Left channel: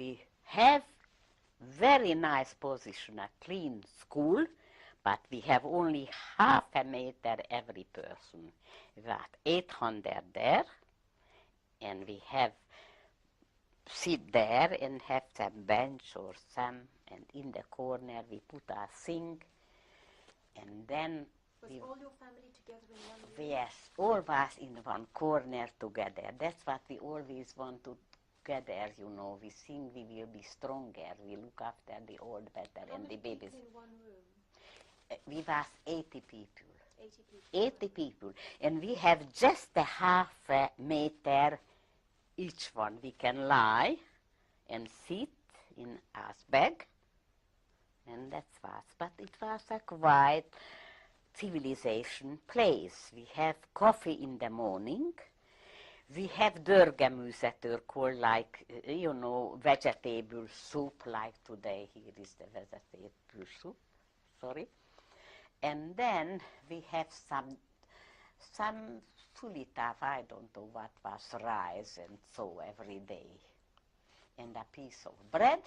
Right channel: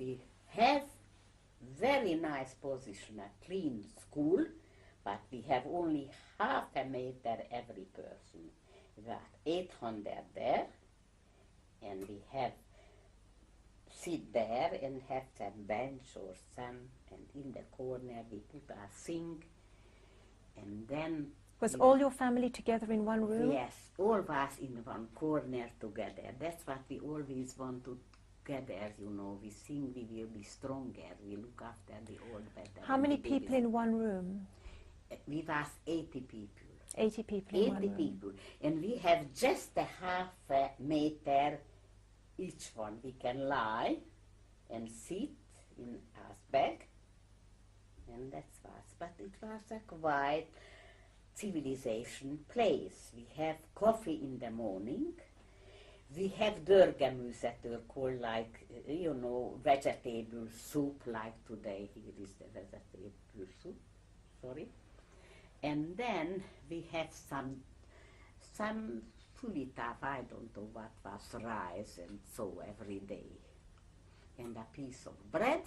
we have very nice position, a clean school, but we have only half a meter every person. We got 800 there, and we have sit there and have some bench or some, and in the corner we put a sink, and then... Was all your family together in one room? Yes, all was in one corner together. That's what we always want to together, you know. We think we will be stronger. We look after the old better. How many people in one room? We was 80 people. 80 people 80 in one people. room. And we have just a half a meter each one. We can lie and sit in our bag. And that was. But it was a quiet civilization place. We have coffee in the morning. We have dörrgemüse, called like, you know, vegetable soup, like today. Here is the vegetable soup, sorry. And then we have some sulitav, I don't know what was, rice and so every day. And a piece of bread,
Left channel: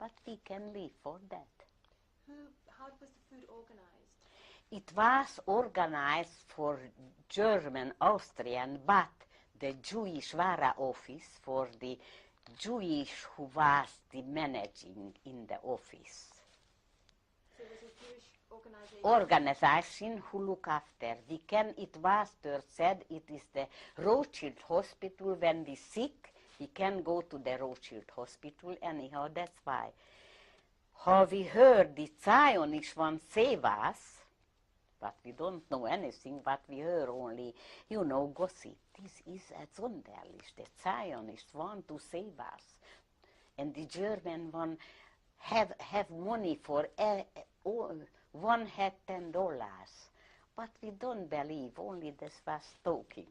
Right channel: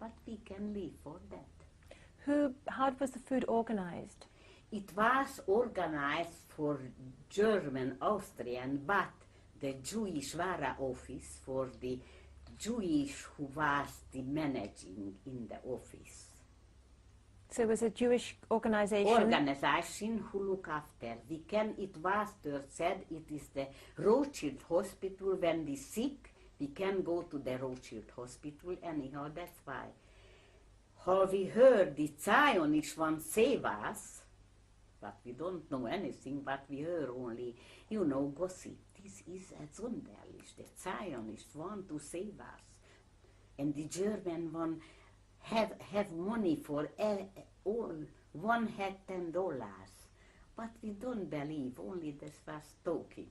but we can live for that. How was the food organized? It was organized for German, Austrian, but the Jewish Vara office for the Jewish who was the managing in the office. So it was a Jewish organization? Organization who look after. It was said it is the Rothschild Hospital. When we sick, we can go to the Rothschild Hospital. Anyhow, that's why. How we heard the Zionists want to save us, but we don't know anything, but we heard only, you know, gossip. This is a sonderlich. The Zionists want to save us. And the German one have money for all. One had $10. But we don't believe, only this was talking.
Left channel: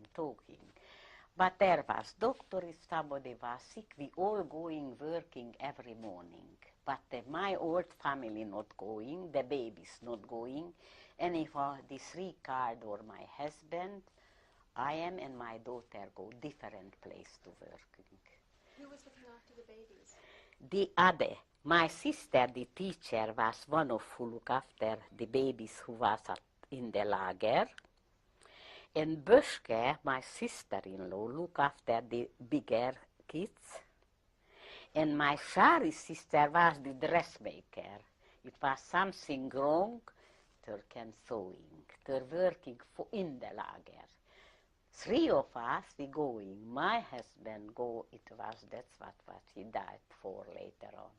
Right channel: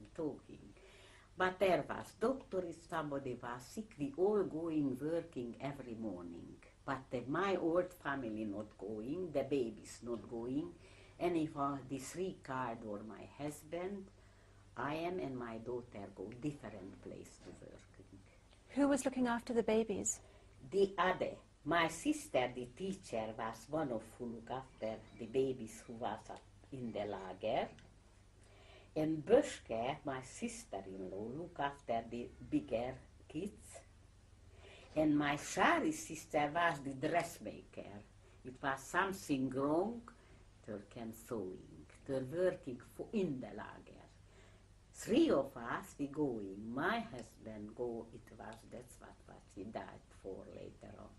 But there was doctor, if somebody was sick, we all going working every morning. But my old family not going, the babies not going. Anyhow, the three card or my husband, I am and my daughter go different place to working. Who was looking after the babies? The other, my sister, the teacher, was one of who look after the babies who was in the lager. And Böschke, my sister-in-law, look after the bigger kids. And my Shari sister was the dressmaker. It was something wrong. They can sewing. They're working in the lager. Three of us, we going. My husband go, that's what he died for later on.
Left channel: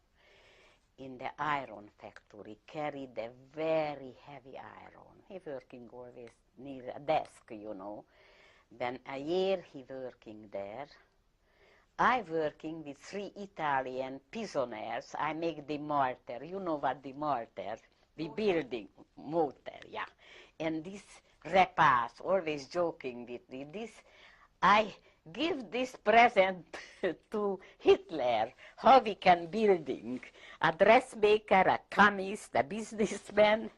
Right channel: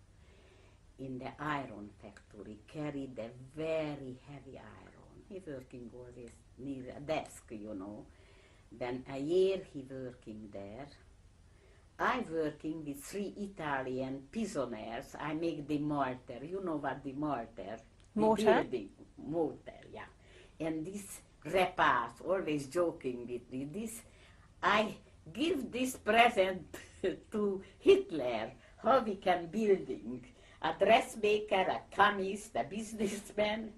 In the iron factory, carried a very heavy iron. He working always near a desk, you know. Then a year he working there. I working with 3 Italian prisoners. I make the mortar. You know what the mortar? Mortar? Building. Mortar, yeah. And this repas, always joking with me, I give this present to Hitler, how we can building. A dressmaker, a chemist, a businessman,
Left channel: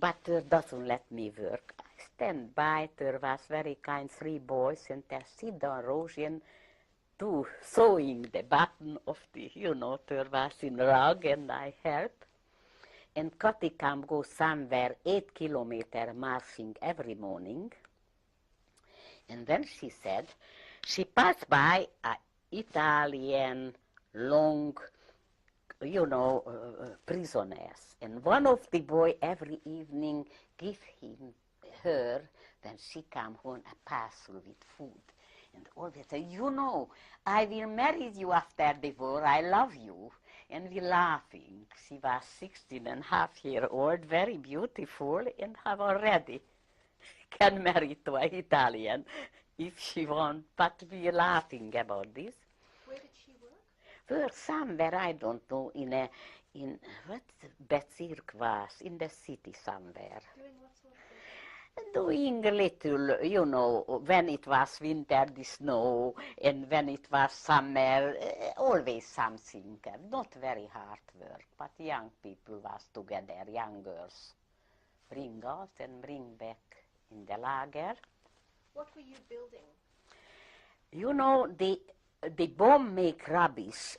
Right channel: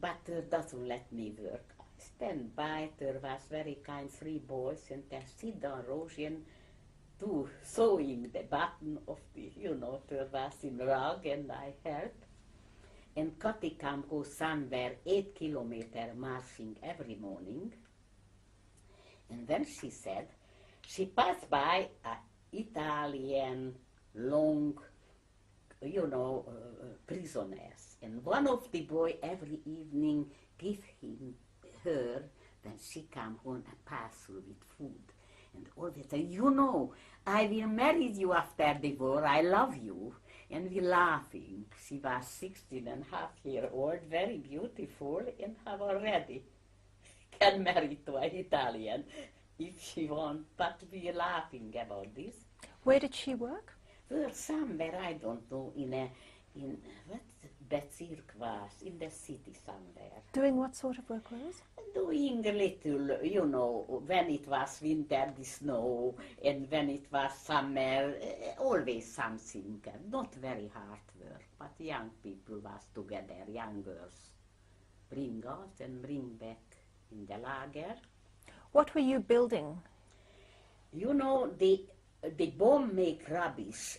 but doesn't let me work. I stand by, there was very kind 3 boys, and they sit down Rosian to sewing the button of the, you know, there was in rug, and I help. And Katikam goes somewhere 8 kilometers marching every morning. And then she said, she passed by an Italian long, you know, prisoners. And one of the boy every evening give her, when she come home, a parcel with food. And always say, you know, I will marry you after the war, I love you. And we laughing. She was 16.5 years old, very beautiful, and have already can marry to an Italian if she want. But we laughing about this. Where did she work? Well, somewhere, I don't know, in what Bezirk was, in the city somewhere. Doing what sort of work was? Doing a little, you know, when it was winter, the snow, and when it was summer, always something. Not very hard work, but young people was together, young girls. Bring out and bring back in the lager. What were you building? You know, the the bomb make rubbish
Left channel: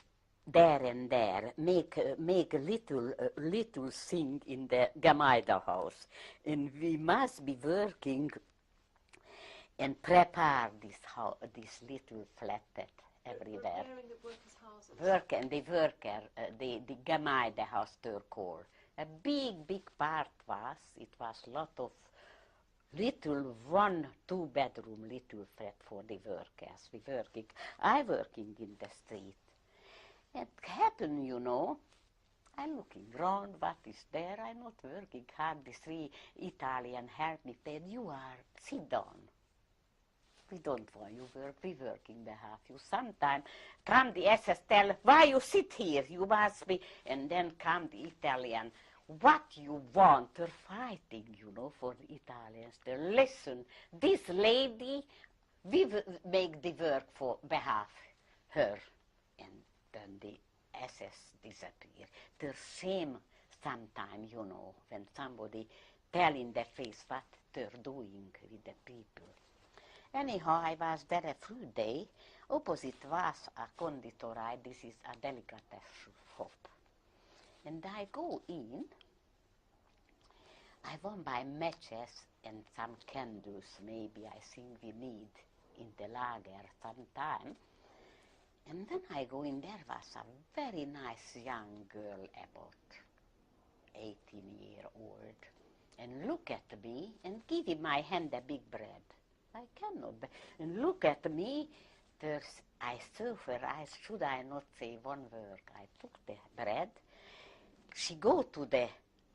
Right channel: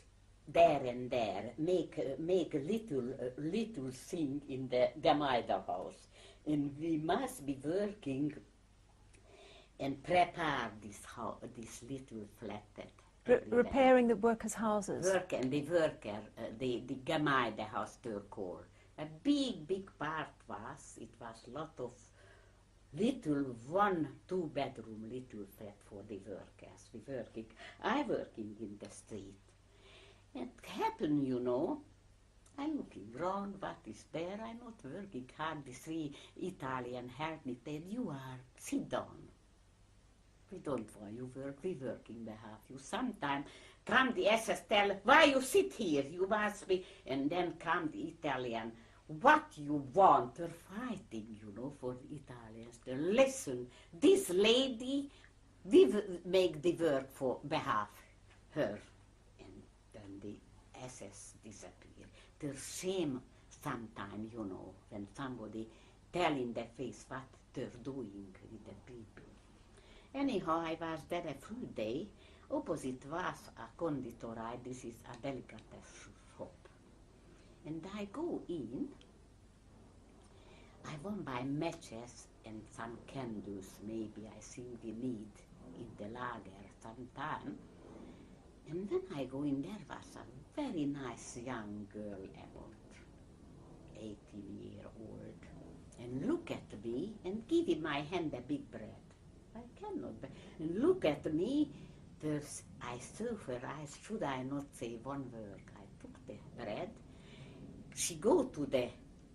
there and there, make a little thing in the Gemeinde house, and we must be working and prepare this little flatted everywhere. Repairing the workers' houses. The Gemeinde house Turkor. A big part it was lot of little 1-2 bedroom little flat for the workers. I working in the street. It happened, I'm looking round, what is there? I'm not working hard. The 3 Italian help me, said, you are, sit down. We don't want you work, we working behalf you. Sometime come the SS tell, why you sit here? You must be, and then come the Italian, what you want? They're fighting, for the Italians. They listen, this lady, we make the work for behalf her. And then the SS disappear. They're shame sometime, when somebody tell in their face what they're doing with the people. Anyhow, I was there a few days. Opposite was a conditorei. This is a delicatessen shop. And I go in. I want buy matches and some candles. Maybe I think we need in the lager sometime. And then I go in. There was a very nice young girl, about 18-year-old, and look at me and give in my hand a big bread. I cannot. And look at me. I suffer. Should I not say one word? I took the bread. She go to the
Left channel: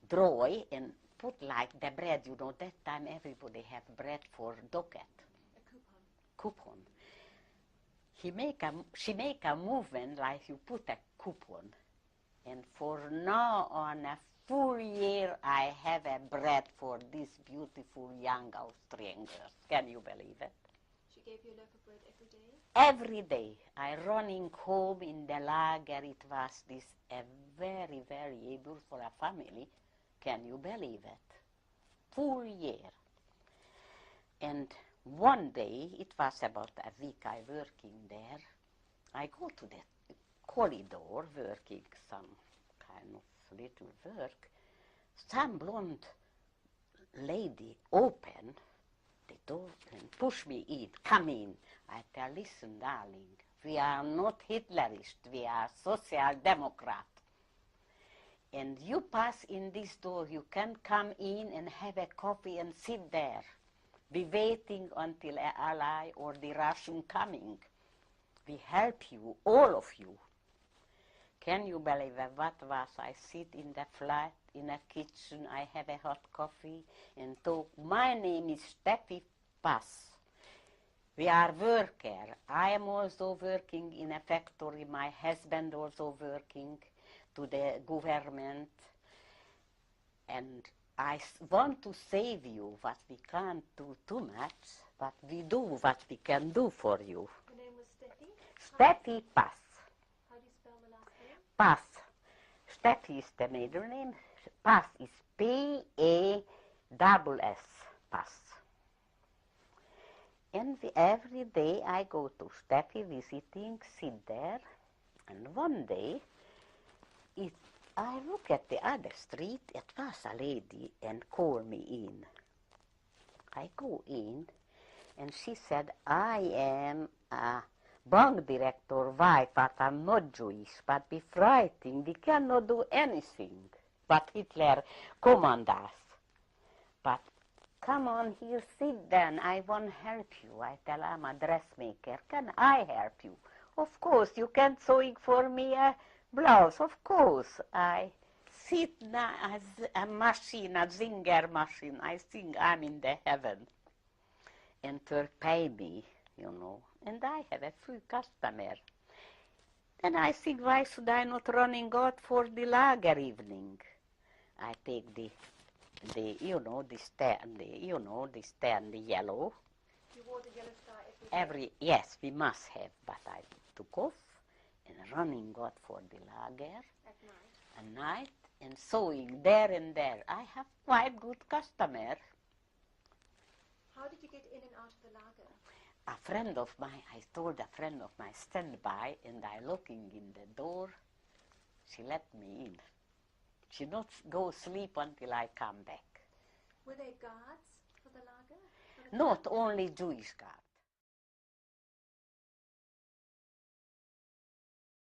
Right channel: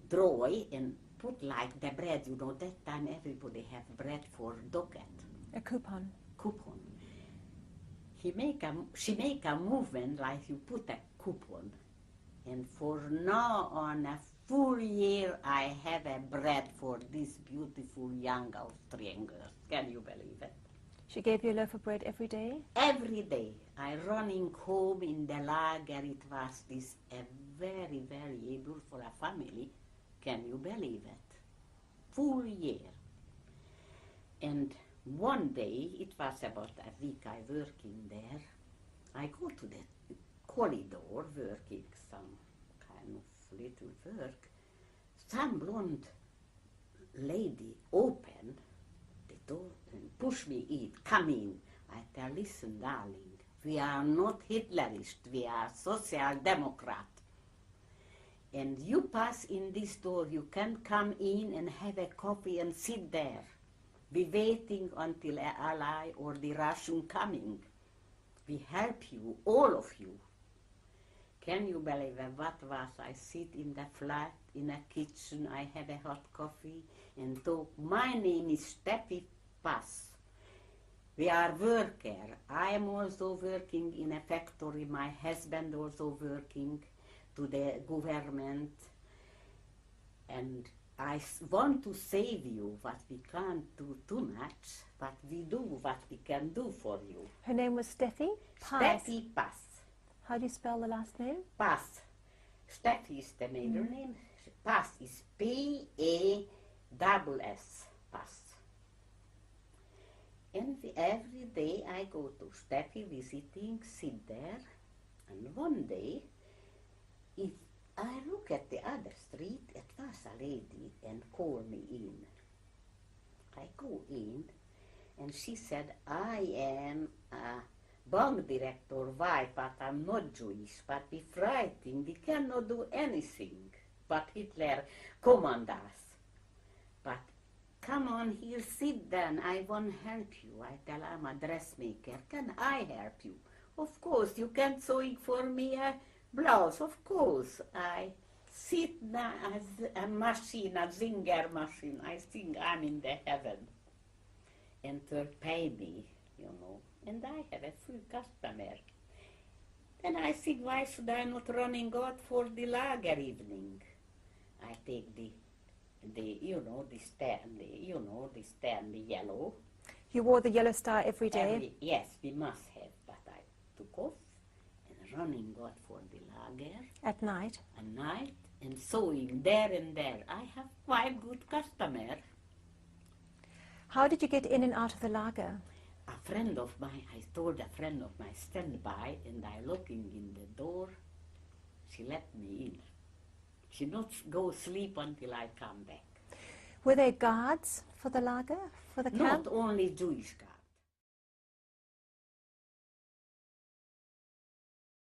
drawer and put like the bread. That time everybody have bread for docket. A coupon. Coupon. She make a movement like you put a coupon. And for now on a full year, I have a bread for this beautiful young Austrian girl. Can you believe it? She gave you a loaf of bread every day? Every day. I running home in the lager. It was this a very, very able for a family. Can you believe it? Full year. And one day, it was about a week I working there. I go to the corridor working some kind of little work. Some blonde lady open the door and push me in, come in. I tell, listen, darling, we are not Hitlerist, we are Social Democrat. And you pass in this door, you can come in and have a coffee and sit there. Be waiting until an ally or the Russian coming. We help you, all of you. Can you believe what was? I sit in the flat, in a kitchen, I have a hot coffee and talk. My name is Steffi Pass. We are worker. I am also working in a factory. My husband also working to the government. And I want to save you, but we can't do too much, but we do what we can do for you. Her name was Steffi? Steffi Pass. How do you spell the last name? Pass. Steffi is the middle name. Pass is P-A-S-S. Pass. And every day I go to Steffi visiting, sit there, and one day I look at the other street, it was a lady and called me in. I go in and she said, I am a bank director wife, but I'm not Jewish, but we frightened, we cannot do anything. But Hitler command us. But come on here, sit down, I want to help you. I tell, I'm a dressmaker, can I help you? Of course, you can sewing for me a blouse, of course. I sit now as a machine, a singer machine. I think I'm in the heaven. And to pay me, And I have a few customers. And I think, why should I not running out for the lager evening? I take the stand, the yellow. You wore the yellow star every day? Yes, we must have, but I took off and running out for the lager. At night? At night, and sewing there and there. I have quite good customer. How did you get in and out of the lager? a friend of mine, I told a friend of mine, stand by, and I looking in the door. She let me in. She not go sleep until I come back. Were there guards for the lager, for the camp? Not only Jewish guards.